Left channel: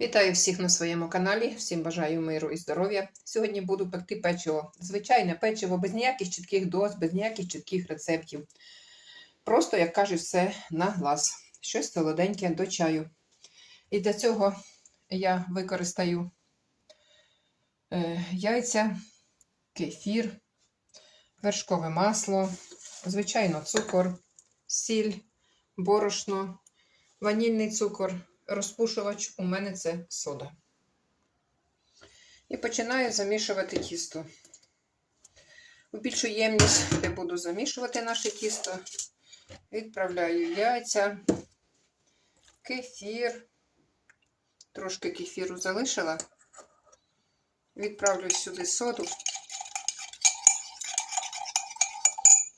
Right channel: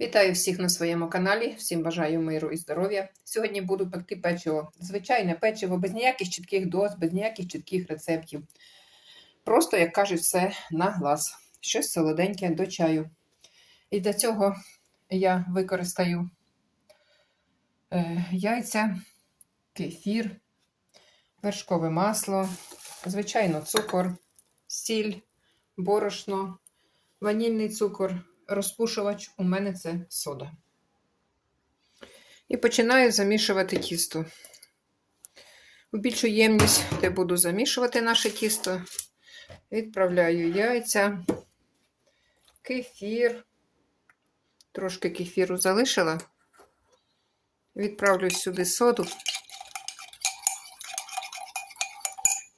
Вітаю всіх на своєму каналі. Всім бажаю миру і здоров'я. Сьогодні буду пекти печиво. Звичайне печиво без ніяких чітких доз, без ніяких чітких рецептів. Просто, як кажуть, все на глаз. Щось солоденьке до чаю. І для цього я використаю е, яйця, кефір, вершкове масло, звичайно, цукор, сіль, борошно, ванільний цукор розпушувач у мене це сода. І починаю замішувати тісто. У більшу ємність, де буду замішувати наше тісто, відправляю яйця, кефір. Трошки кефіру залишила. Відправлю сюди соду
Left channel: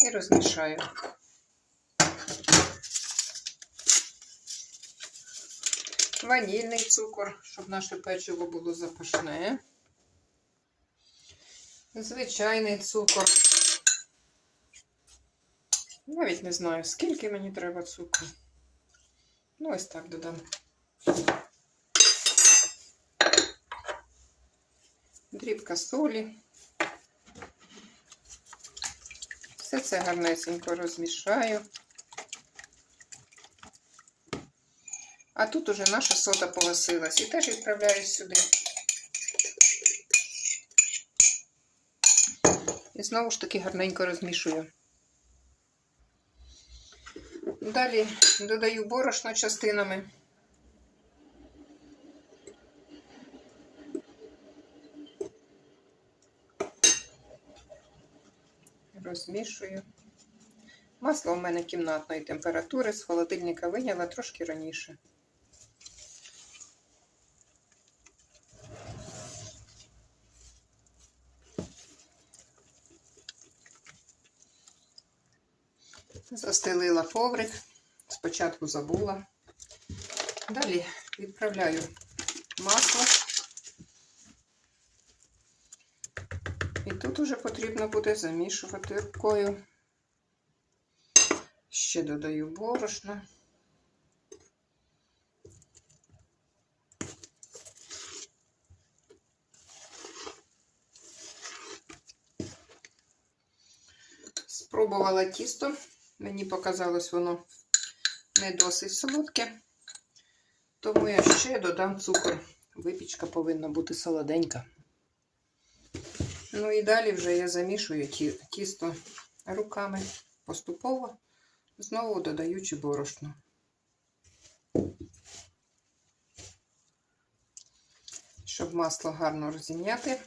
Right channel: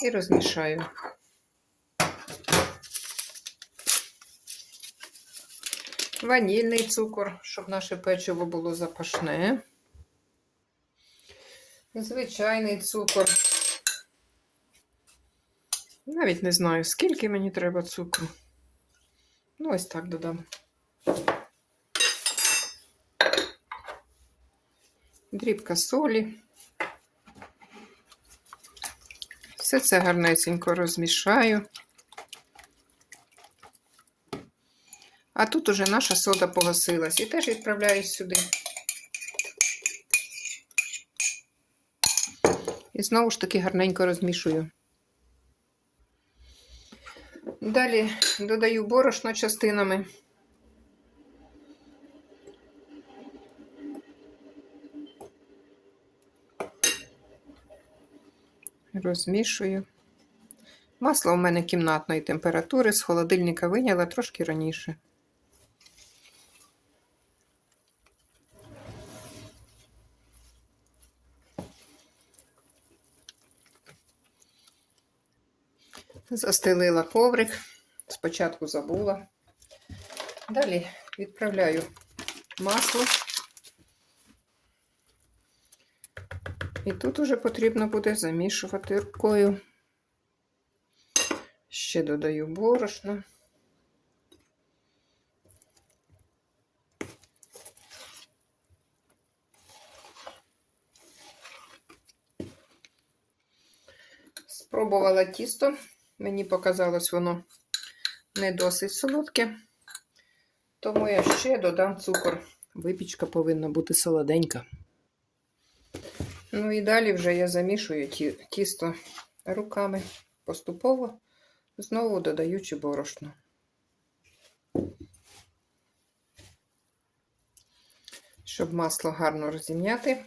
і розмішаю. Ванільний цукор, щоб наше печиво було запашне. Звичайний цукор. Навіть не знаю, скільки мені треба цукру. Ну, ось так додам. Дрібка солі. Все це гарнесенько розмішаю. А тут уже наша сода погасилась. І теж відправляю сюди. І знову ж таки гарненько розмішую. Далі додаю борошно частинами. Розмішую. Масло у мене кімнатної температури, з холодильника виняла трошки раніше. Застелила коврик, спочатку забула. Далі відправляю масло. І тут уже потрібно буде замішувати рукою. Ще додаю борошно. Спробувала тісто. Мені показалось воно не досить солодке, тому я ще додам цукор. Випічка повинна бути солоденька. Ну і далі вже я замішую тісто руками поступово, знову додаючи борошно. Щоб масло гарно розім'яти,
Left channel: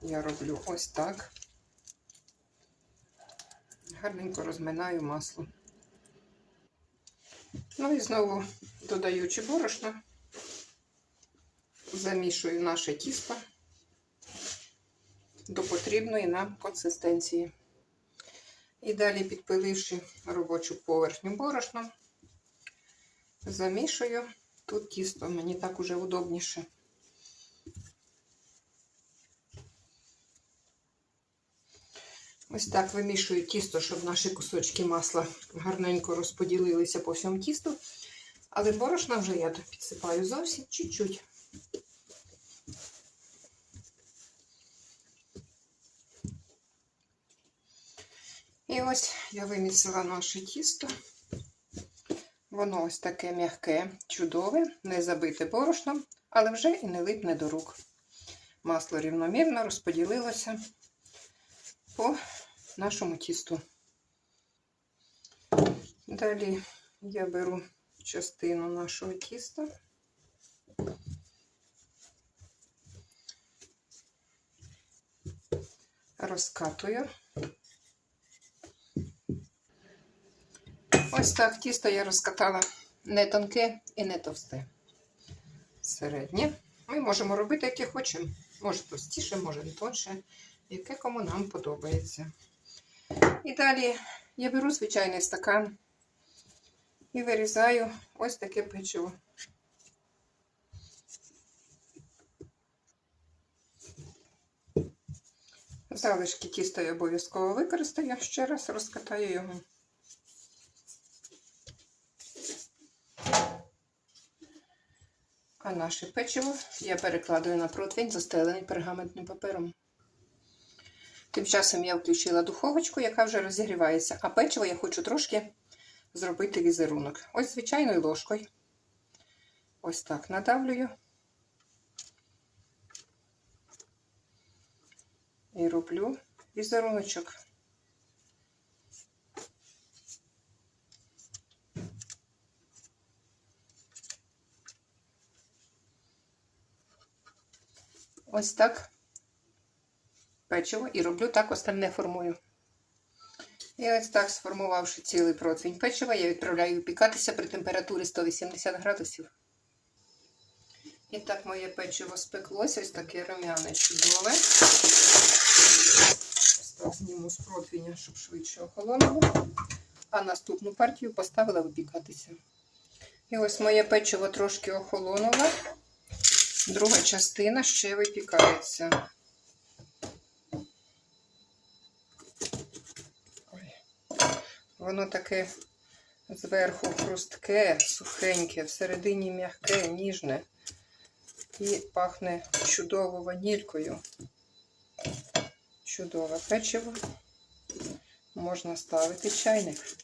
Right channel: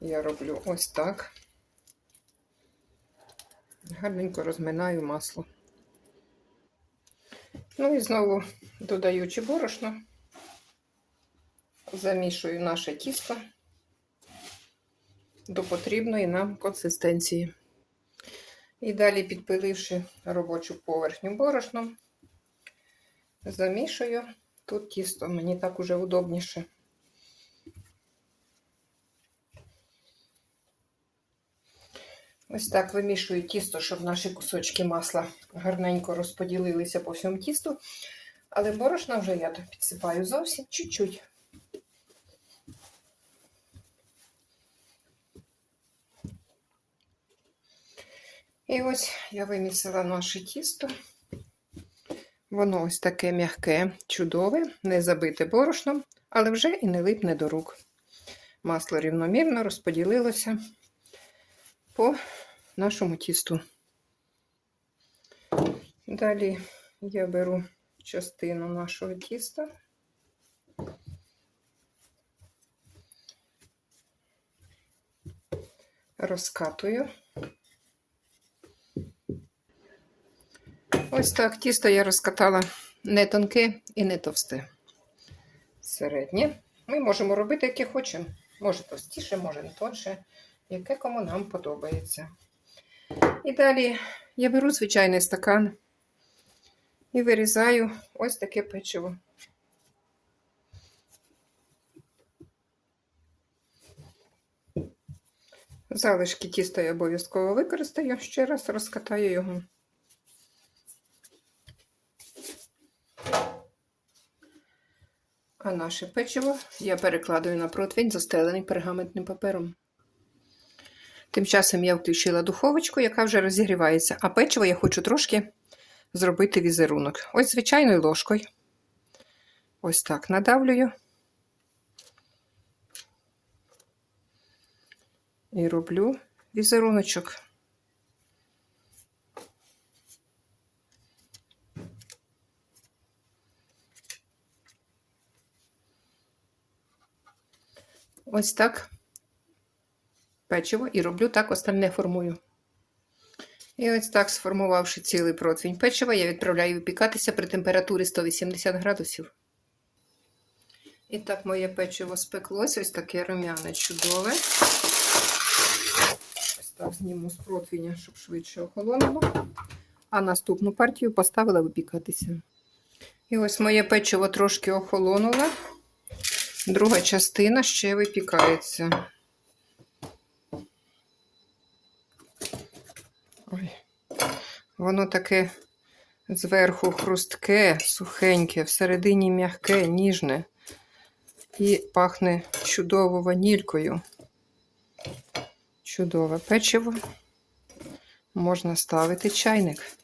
я роблю ось так гарненько розминаю масло. Ну і знову додаючи борошно, замішую наше тісто до потрібної нам консистенції. І далі, підпиливши робочу поверхню борошном, замішую тут тісто, мені так уже удобніше. Ось так вимішую тісто, щоб наші кусочки масла гарненько розподілилися по всьому тісту. Але борошна вже я підсипаю зовсім чуть-чуть. І ось я вимісила наше тісто. Воно ось таке м'яке, чудове, не забите борошном, але вже і не липне до рук. Масло рівномірно розподілилося по нашому тісту. Далі я беру частину нашого тіста. Розкатую. Ось так тісто я розкатала не тонке і не товсте. Середнє. Ми можемо робити, яке хочемо. Може товстіше, може не тонше яке кому нам подобається. І далі я беру звичайний стакан і вирізаю ось таке печиво. Залишки тіста я обов'язково використаю, ще раз розкатаю його. А наше печиво я перекладаю на противень, застелений пергаментним папером. Тим часом я включила духовочку, яка вже розігрівається, а печиво я хочу трошки зробити візерунок. Ось звичайною ложкою. Ось так надавлюю. І роблю візеруночок. Ось так печиво і роблю так остальне формую. І ось так, сформувавши цілий противень печива, я відправляю випікатися при температурі 180 градусів. І так, моє печиво спеклося, ось таке рум'яне чудове. Ось так зніму з противня, щоб швидше охолонуло. А наступну партію поставила випікатися. І ось моє печиво трошки охолонуло. Друга частина ще випікається. Воно таке зверху хрустке, сухеньке, всередині м'яке, ніжне і пахне чудово ванількою. Чудове печиво. Можна ставити чайник.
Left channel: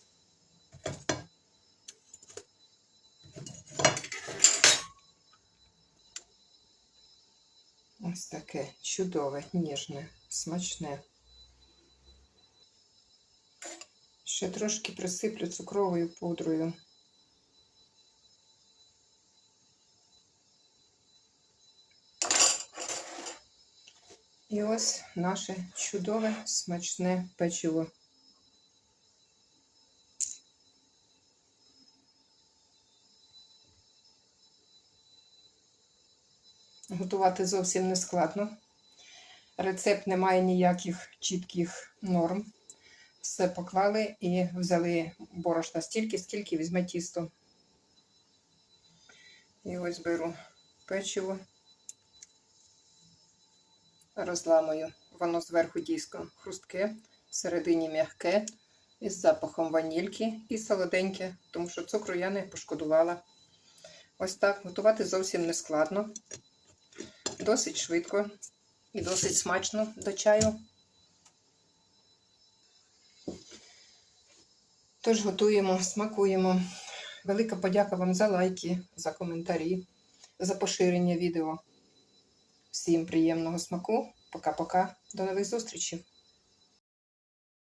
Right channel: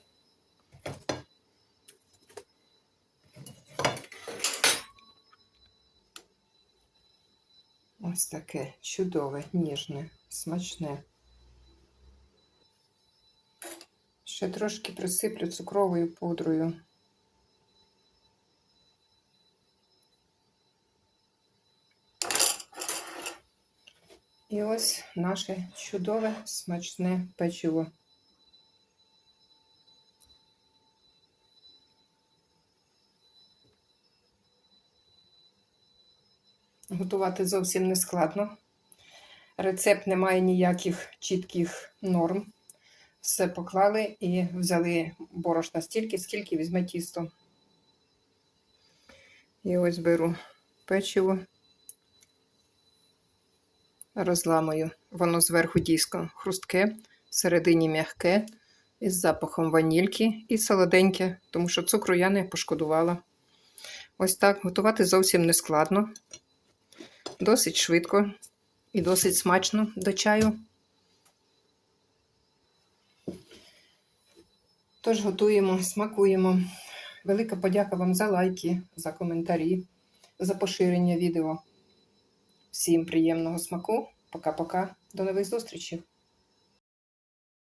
Ось таке чудове, ніжне, смачне. Ще трошки присиплю цукровою пудрою. І ось наше чудове смачне печиво. Готувати зовсім не складно. Рецепт не має ніяких чітких норм. Все поклали і взяли борошна стільки, скільки візьме тісто. І ось беру печиво, розламую. Воно зверху дійсно хрустке, всередині м'яке, із запахом ванільки і солоденьке, тому що цукру я не пошкодувала. Ось так готувати зовсім не складно, досить швидко і досить смачно до чаю. Тож готуємо, смакуємо. Велика подяка вам за лайки, за коментарі, за поширення відео. Всім приємного смаку. Пока-пока. До нових зустрічей!